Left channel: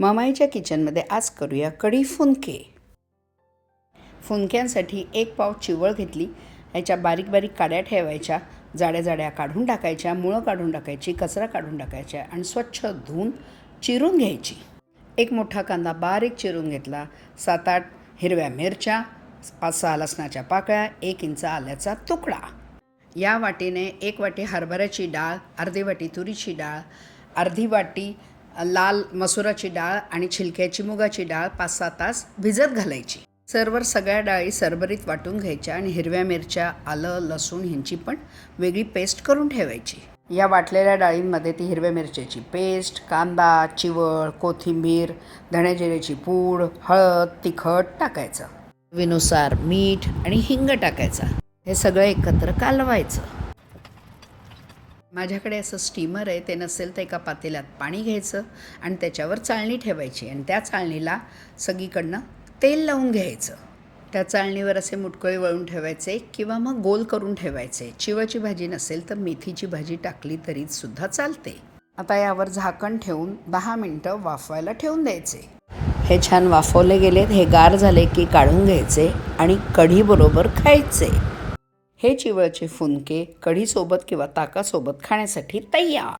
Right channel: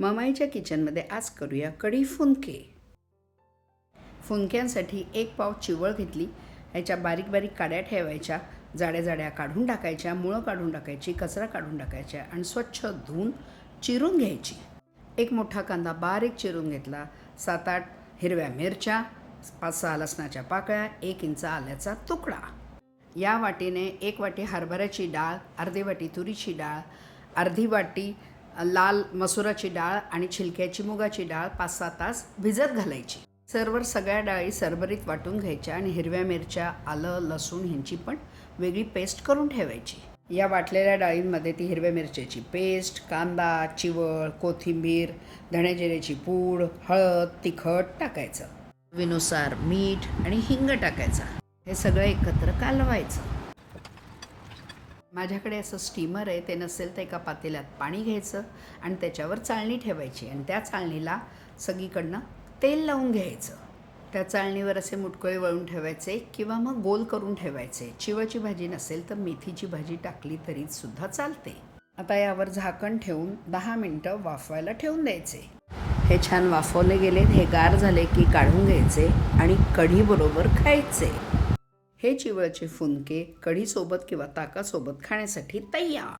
मामाईच्या किचनमध्ये आज करूया कढी फुनके. फुनक्यांसाठी 1 पाव चिवळ घेतली. याच्या बारीक बारीक काड्या ठेवायच्या, जाड्या जाड्या काढून टाकायच्या, मुळं काढून टाकायची, कचरा काढून टाकायच्या आणि स्वच्छ धुवून चिरून घ्यायची. 1 मोठा कांदा बारीक चिरून घेतला. 7-8 हिरव्या मिरच्या, 5-6 लसणाच्या पाकळ्या, 1 इंच आल्याचा तुकडा. या वाटीने 1 वाटी हरभऱ्याची डाळ, अर्धी वाटी तुरीची डाळ, अर्धी वाटी लाल मसुराची डाळ आणि छिलक्याची मुगाची डाळ 5-6 तास भिजत घालायची. सर्व सगळ्या डाळी सरभरीत वाटून घ्यायच्या आणि हिरव्या मिरच्या, आलं, लसूण ह्यांची पण वेगळी पेस्ट करून ठेवायची. या वाटलेल्या डाळींमध्ये ती हिरव्या मिरच्याची पेस्ट, कांदा, चिवळ, कोथिंबीर, धण्याजिऱ्याची पूड, हळद, तिखट टाकायचं. चवीनुसार मीठ आणि हिंग टाकायचा. हे सगळं एकत्र कालवायचं. माझ्याकडे असं स्टीमर आहे, ते नसेल तर एका पातेल्यात पाणी घ्यायचं आणि त्याच्यावर चाळणी ठेवायची आणि त्या चाळणीला सगळीकडनं तेल लावून घ्यायचं. त्या चाळणीवर असे मुटकुळे वळून ठेवायचे किंवा मग गोल करून ठेवायचे. चिवळची भाजी नसेल तर मेथीची भाजी टाकली तरी सुद्धा चालते. आता यावर झाकण ठेवून 10 मिनटं वाफवायला ठेवून द्यायचे. हे छान वाफवले गेलेत. हे गार झाले की काढून घ्यायचे आणि कढीबरोबर खायचे. हे चिवळचे फुनके कढीसोबत किंवा ताकासोबत खाण्यासाठी तयार.